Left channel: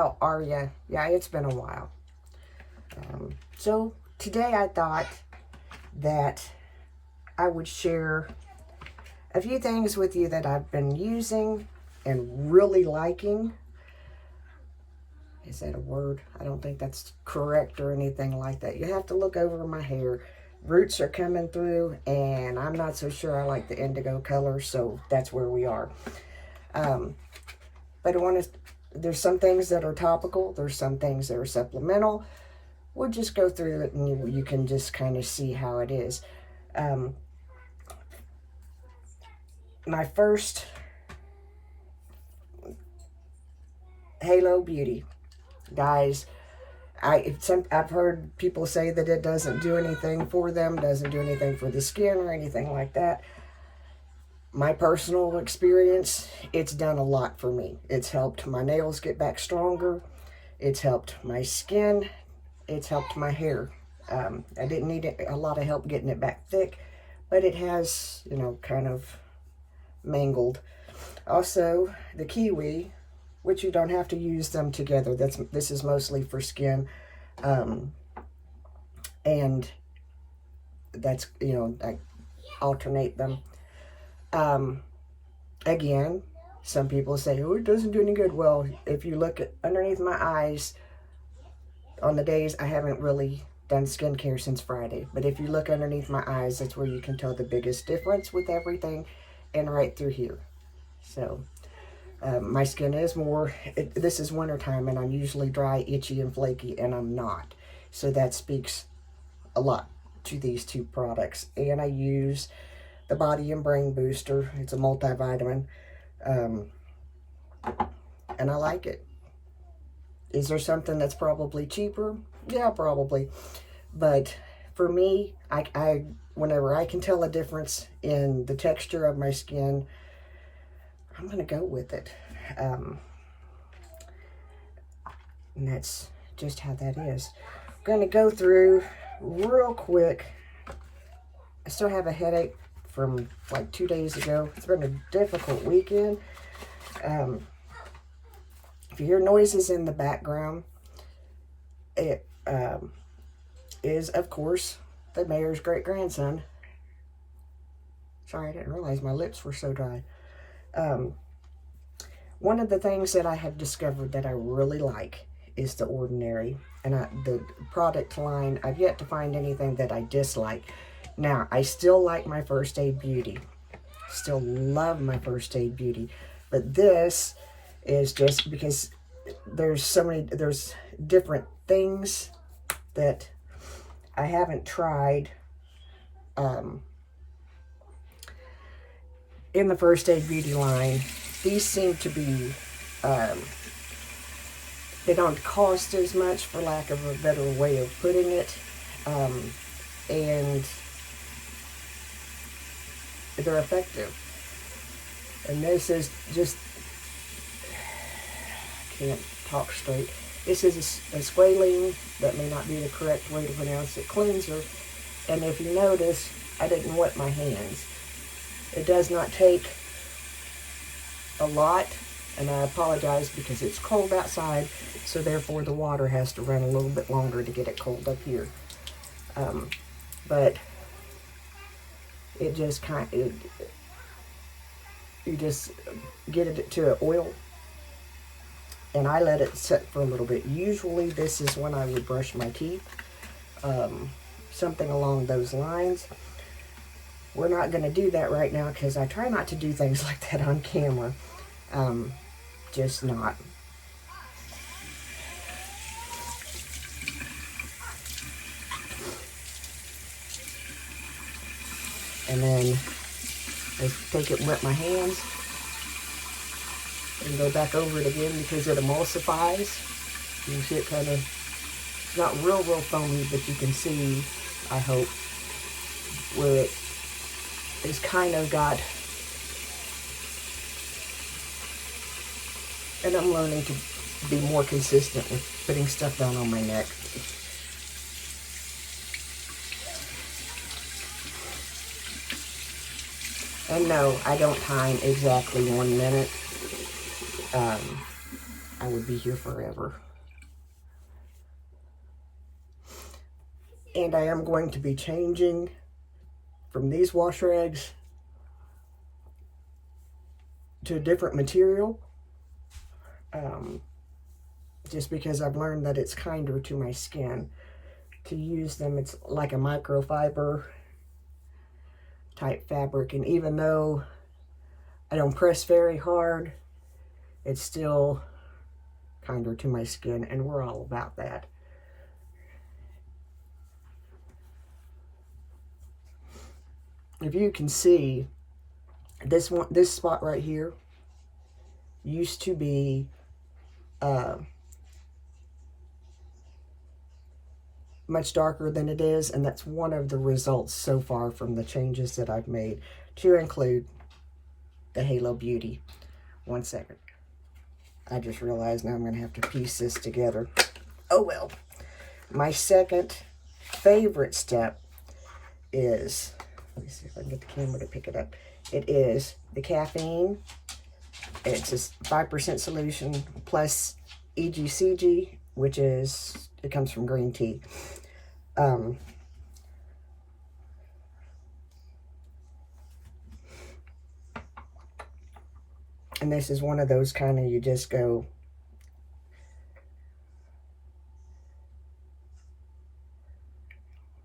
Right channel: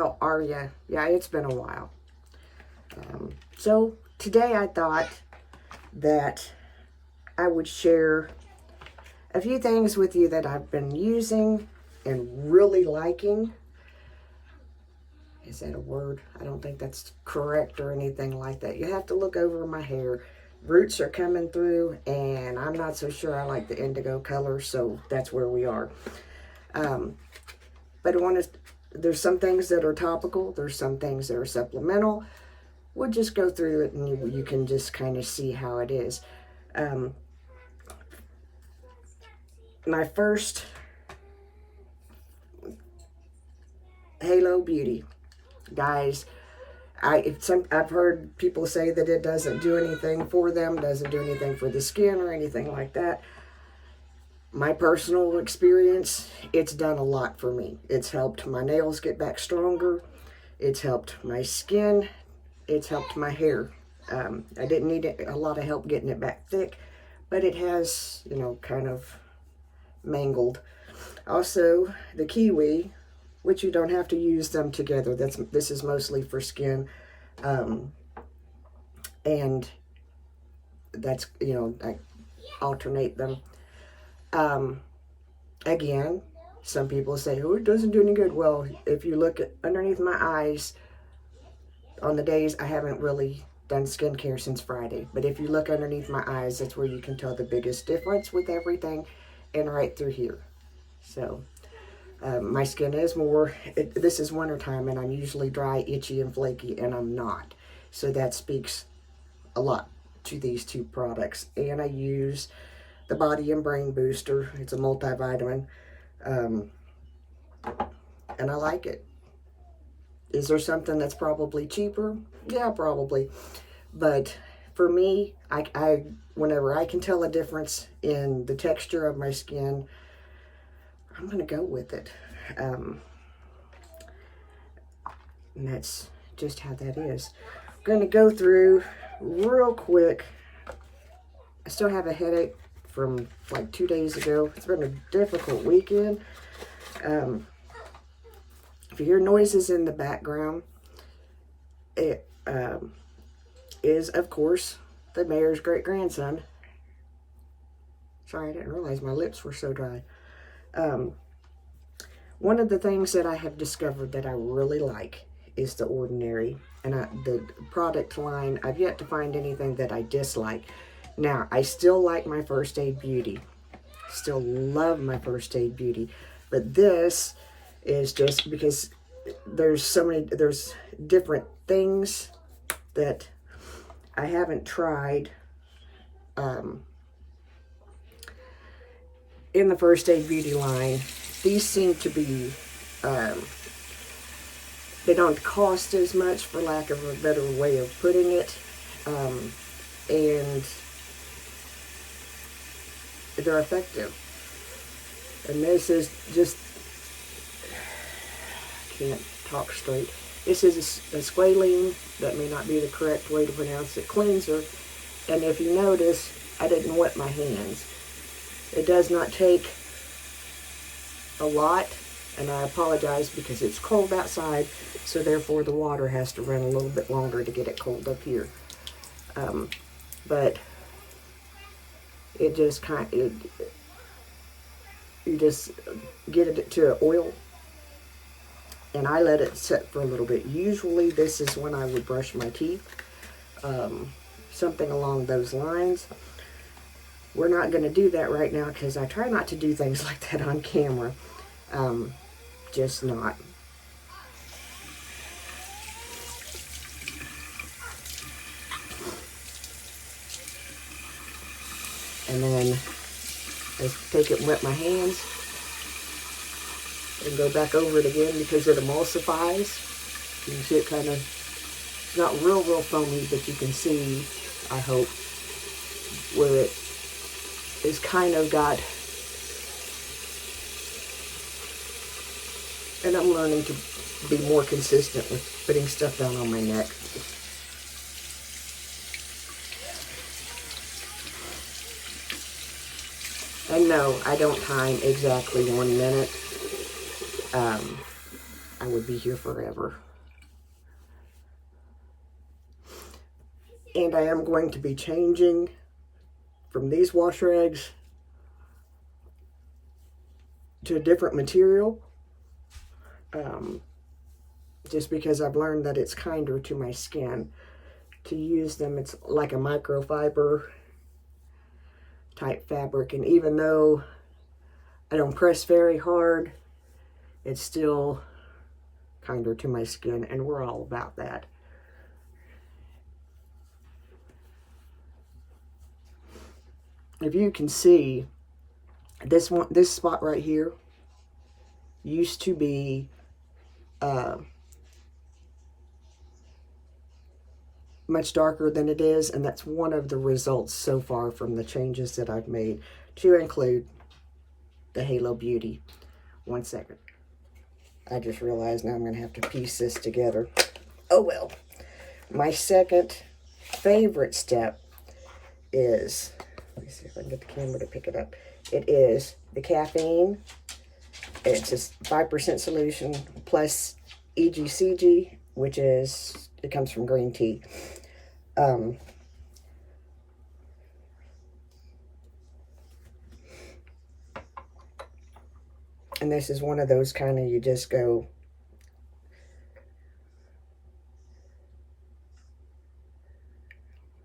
how are ya? Yeah, it's been a while. So today I thought that I would share a few things with you that I've been using and really liking. Is that a word? I don't think that's correct or anything like that. You have to look over my hair. Roots are coming through, and I'm not so sure I like the indigo color, so that's where we are. But there's some things that are topical. There's some things that are supplemental. We'll just go through it, and you can just kind of see how it is. My first Halo Beauty. Guys, I've heard people say that it doesn't do anything for them, doesn't do anything for the skin or anything like that. My personal experience, it's done a lot for me. It's helped my nails get back stronger. It's helped my skin. It's helped my hair. I didn't need a lot of help getting it back thick, but it has, kind of mangled. Also, the kiwi, which you don't have to use them together. This is mostly for skin. And that's, I alternate them. Again, some people say, oh, it doesn't do any good. Well, if you look underneath my eyes, on the days I haven't really done skincare since Friday, but if you look underneath my eyes, that's where you can tell the biggest difference with everything, and right through here. So, my skin is this is wintertime, and I'm usually dry, itchy, and flaky, and I'm not. So that speaks a lot to these two products. And I use the Body and Brain Booster. It's a multivitamin. And I like it. Is there something that's probably cheaper? Yeah, probably. But for me, whenever I can tell a difference in the texture of my skin, I'm going to go with it. And that's just how that is. I'm going to go through real quick. I still have a headache from like 2 days ago. It's been a difficult weekend. If you hear noises in the background, it is, of course, the mayor's great-grandson. Sorry, I didn't realize my lips were so dry. One of the things that I have discovered that I really like is The Ordinary. And the product line, I've yet to find anything that I dislike. Now, I still like my First Aid Beauty. Still love my First Aid Beauty. But this is just because there's different things that I haven't tried in the First Aid Beauty line. These seem to be, they don't cost as much, for lack of a better way of putting it, and they're effective. And this is just, I can't talk straight. This is a squalene, that may not be the correct way to pronounce it, cleanser. And if you notice, I didn't wet my hands. It does not take a lot, and I apologize because it's cold outside, so therefore the water has to run a little bit longer to get it cold up here. But it just you just get it to oil, and I let it set for a little bit. Usually this is when I would brush my teeth, something along those lines. We're not going to do that right now because I try not to do things like that on camera. Just not. And then I take it and wet my hands and go back over it again because it emulsifies. You can see it kind of, it's not real foamy, but you can see, I hope, where it is kind of got, and I'm learning to be more consistent with putting stuff down on my neck. And no, I don't time exactly 1 minute. I would be here forever. And I am going to be changing from these wash rags to a different material. Just because I've learned that it's kinder to my skin to use them. It's like a microfiber type fabric, and even though I don't press very hard, it's still kinder to my skin, and we're all about that. If you can see, this spot right here used to be much darker than it is, and that's one of the results so far from the changes that I've made, to include the Halo Beauty. One second. I just realized now I'm going to have to piece this together. Oh well. My second favorite step is, let me see if I can get the camera to pick it up. It is the caffeine. It's a 5% solution plus EGCG, which is, it comes from green tea. And this is one of those kind of, you just go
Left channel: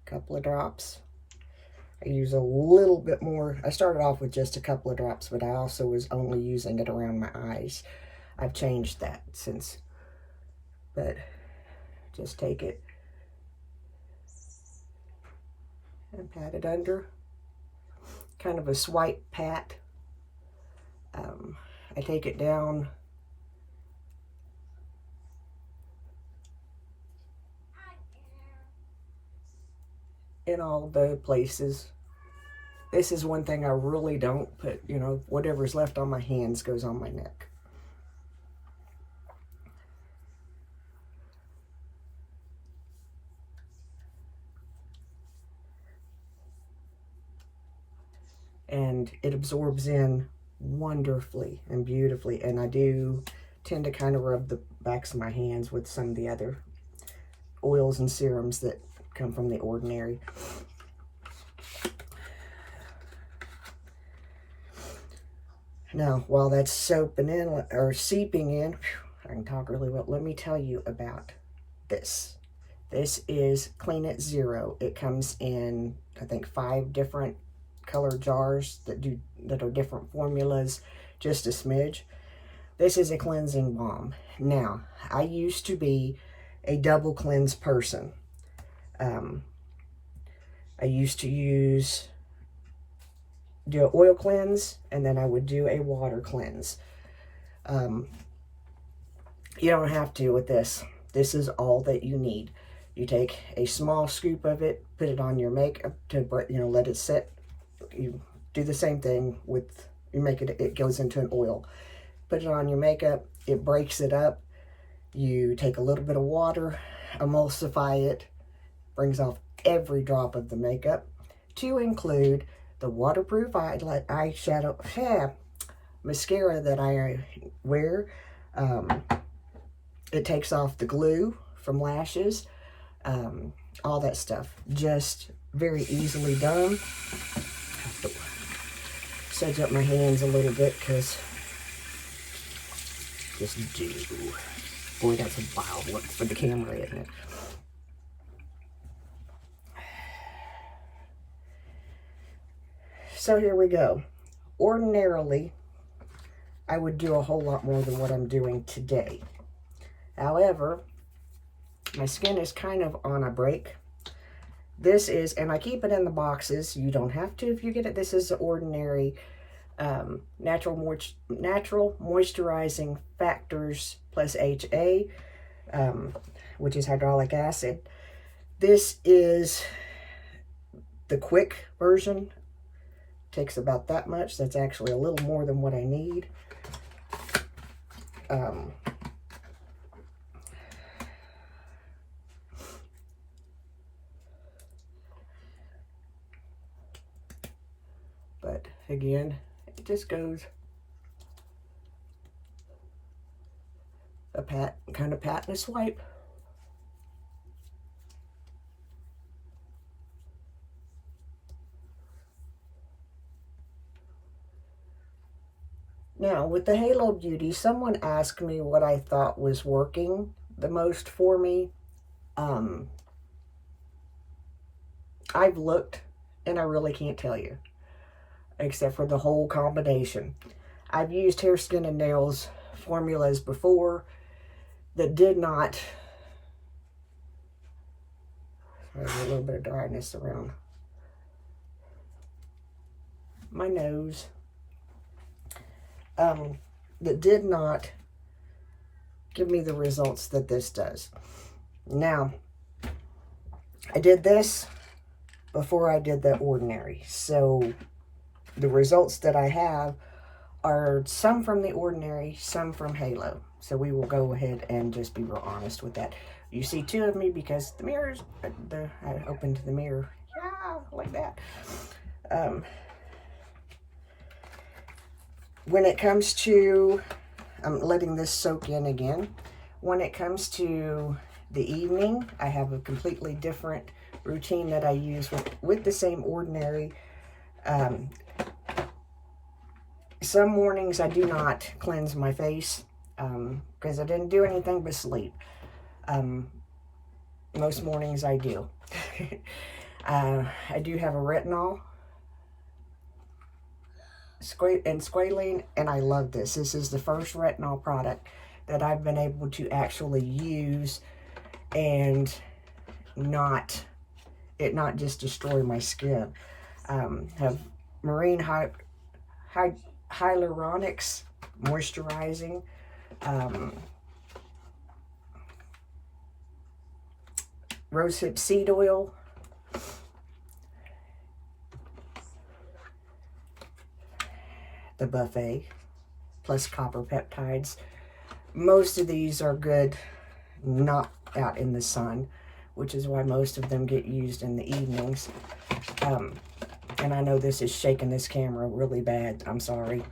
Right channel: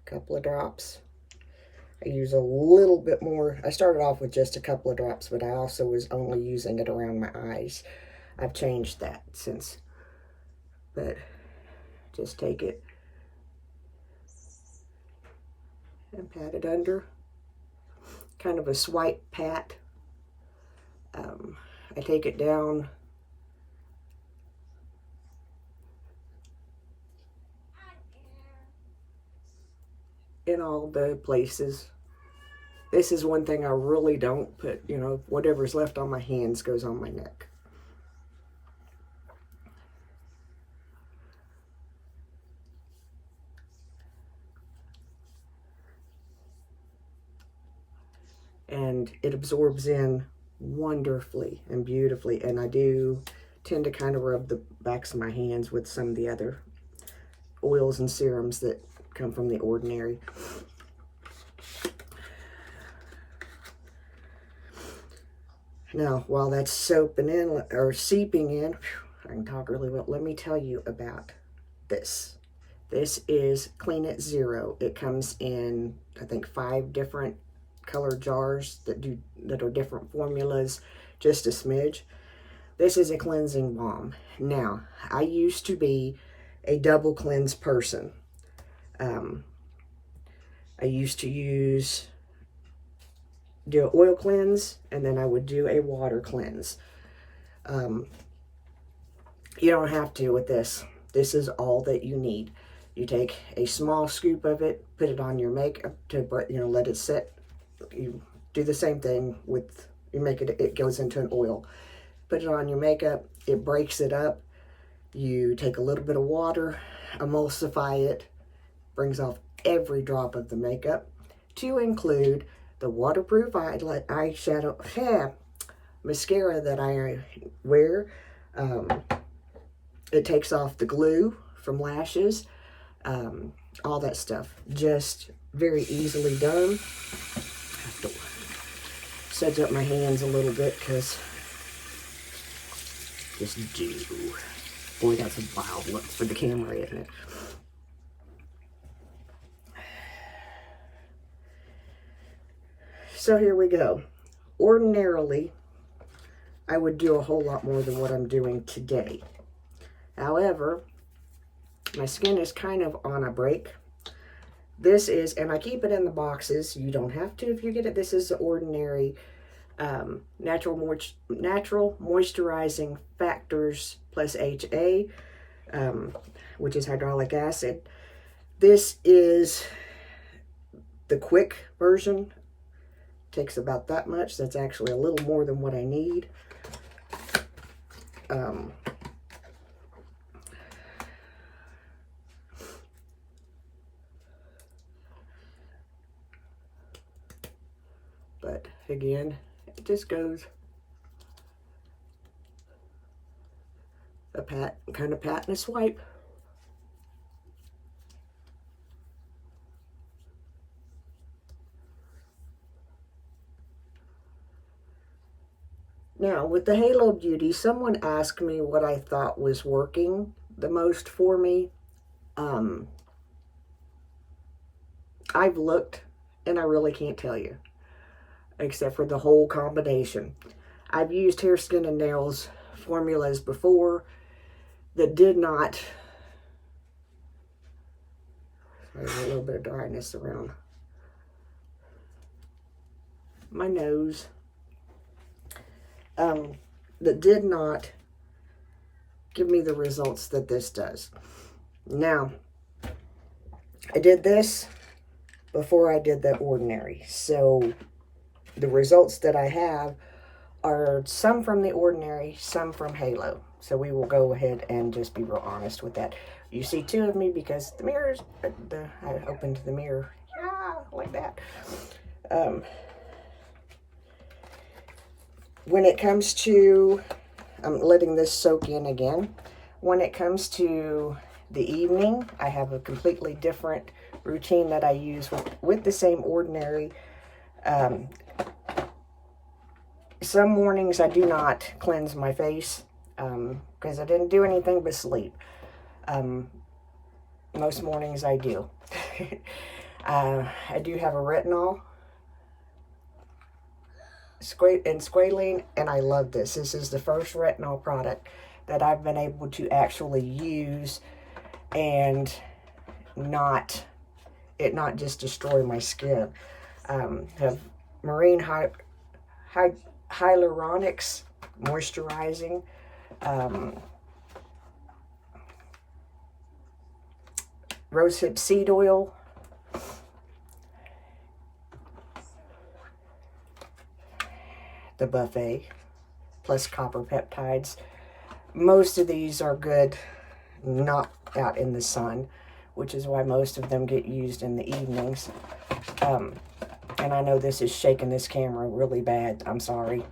a couple of drops. I use a little bit more. I started off with just a couple of drops, but I also was only using it around my eyes. I've changed that since, but just take it and pat it under. Kind of a swipe pat. I take it down in all the places. This is one thing I really don't put, you know, whatever's left on my hands goes on my neck. And it absorbs in wonderfully and beautifully, and I do tend to kind of rub the backs of my hands with some of the other oils and serums that come from The Ordinary. Now, while that's soaping in, or seeping in, I can talk really well, let me tell you about this. This is Clean It Zero. It comes in, I think, 5 different color jars that are different formulas, just a smidge. This is a cleansing balm. Now, I used to be a double cleanse person. I used to do an oil cleanse, and then I would do a water cleanse. You don't have to with this. This is all that you need. You take a small scoop of it, put it on your makeup to, you know, let it set. You do the same thing with your makeup. It goes into an oil. Put it on your makeup. It breaks it up. You take a little bit of water, emulsify it, brings off every drop of the makeup, to include the waterproof eyeshadow mascara that I wear. It takes off the glue from lashes, all that stuff. Just very easily done. I have to sedge up my hands a little bit because just do. Boy, that's a wild look for the camera, isn't it? So here we go. Ordinarily, I would do a whole lot more than what I'm doing today. However, my skin is kind of on a break. This is, and I keep it in the boxes. You don't have to if you get it. This is the Ordinary natural moisturizing factors plus HA, which is hyaluronic acid. This is the quick version. Takes about that much. That's actually a little more than what I need. But again, it just goes a pat, kind of pat and a swipe. Now, with the Halo Beauty, someone asked me what I thought was working the most for me. I've looked, and I really can't tell you, except for the whole combination. I've used Hair, Skin, and Nails formulas before that did not. There's a little bit of dryness around my nose. That did not give me the results that this does. Now, I did this before I did the Ordinary. So the results that I have are some from the Ordinary, some from Halo. So we will go ahead and just be real honest with that. You see two of me because the mirrors, I opened the mirror, yeah, like that. When it comes to, I'm letting this soak in again. When it comes to the evening, I have a completely different routine that I use with the same Ordinary. Some mornings I do not cleanse my face because I didn't do anything but sleep. Most mornings I do. I do have a retinol and squalene, and I love this. This is the first retinol product that I've been able to actually use and not just destroy my skin. Have marine hyaluronics, moisturizing, rosehip seed oil, the buffet, plus copper peptides. Most of these are good not out in the sun, which is why most of them get used in the evenings. And I know this is shaking this camera really bad. I'm sorry.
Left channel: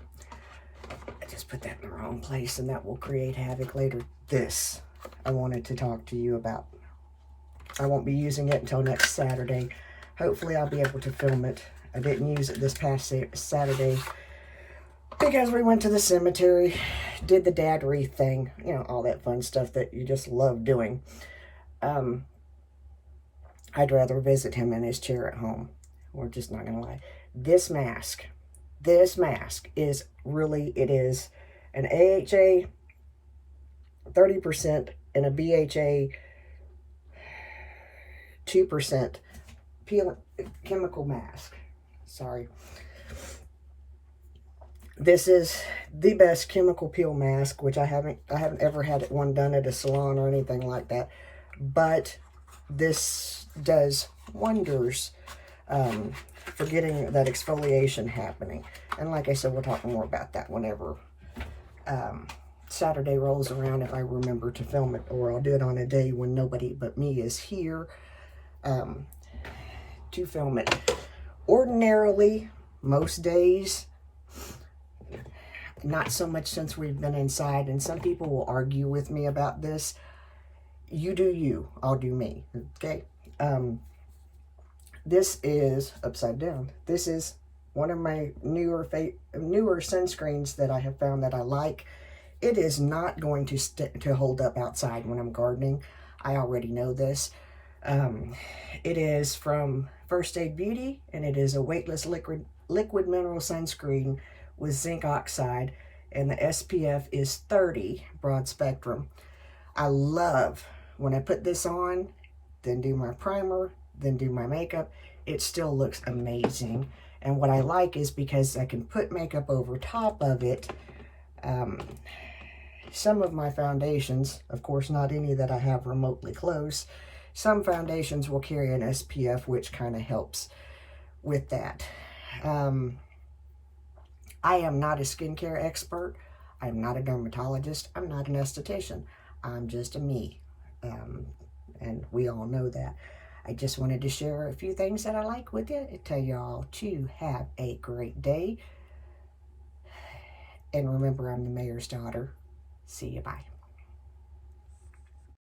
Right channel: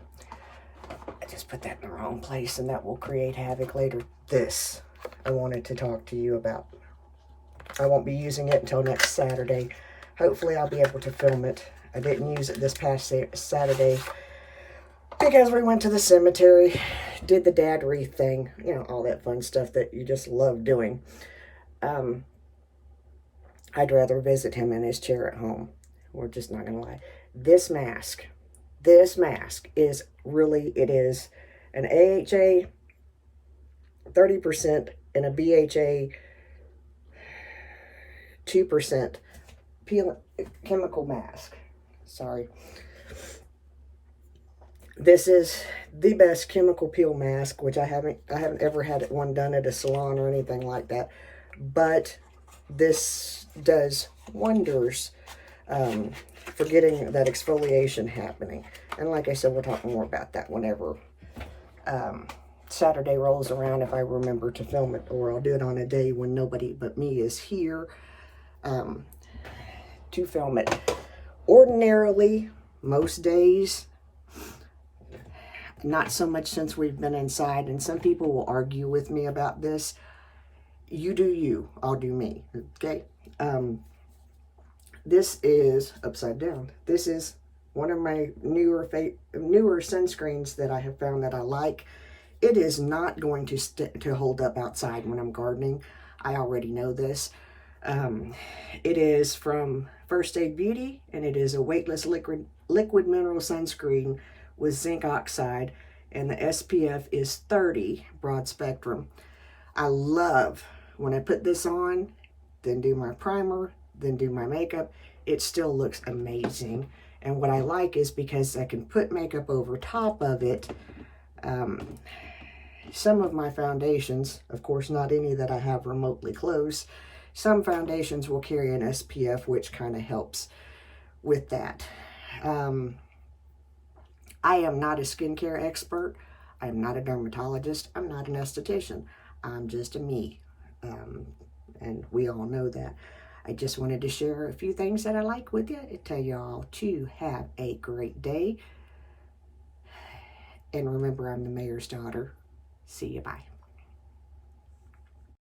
I just put that in the wrong place, and that will create havoc later. This I wanted to talk to you about. I won't be using it until next Saturday. Hopefully I'll be able to film it. I didn't use it this past Saturday because we went to the cemetery, did the dad wreath thing, you know, all that fun stuff that you just love doing. I'd rather visit him in his chair at home. We're just not gonna lie. This mask is really, it is an AHA 30% and a BHA 2% chemical mask. Sorry. This is the best chemical peel mask, which I haven't ever had one done at a salon or anything like that. But this does wonders for getting that exfoliation happening. And like I said, we'll talk more about that whenever Saturday rolls around, if I remember to film it, or I'll do it on a day when nobody but me is here to film it. Ordinarily, most days, not so much since we've been inside, and some people will argue with me about this. You do you, I'll do me, okay? This is upside down. This is one of my newer sunscreens that I have found that I like. It is not going to hold up outside when I'm gardening. I already know this. It is from First Aid Beauty, and it is a weightless liquid mineral sunscreen with zinc oxide, and the SPF is 30 broad spectrum. I love when I put this on, then do my primer, then do my makeup. It still looks amazing. And what I like is because I can put makeup over top of it. Some of my foundations, of course not any that I have remotely close, some foundations will carry an SPF, which kind of helps with that. I am not a skincare expert. I'm not a dermatologist. I'm not an esthetician. I'm just a me. And we all know that. I just wanted to share a few things that I like with you and tell y'all to have a great day. And remember, I'm the mayor's daughter. See you, bye.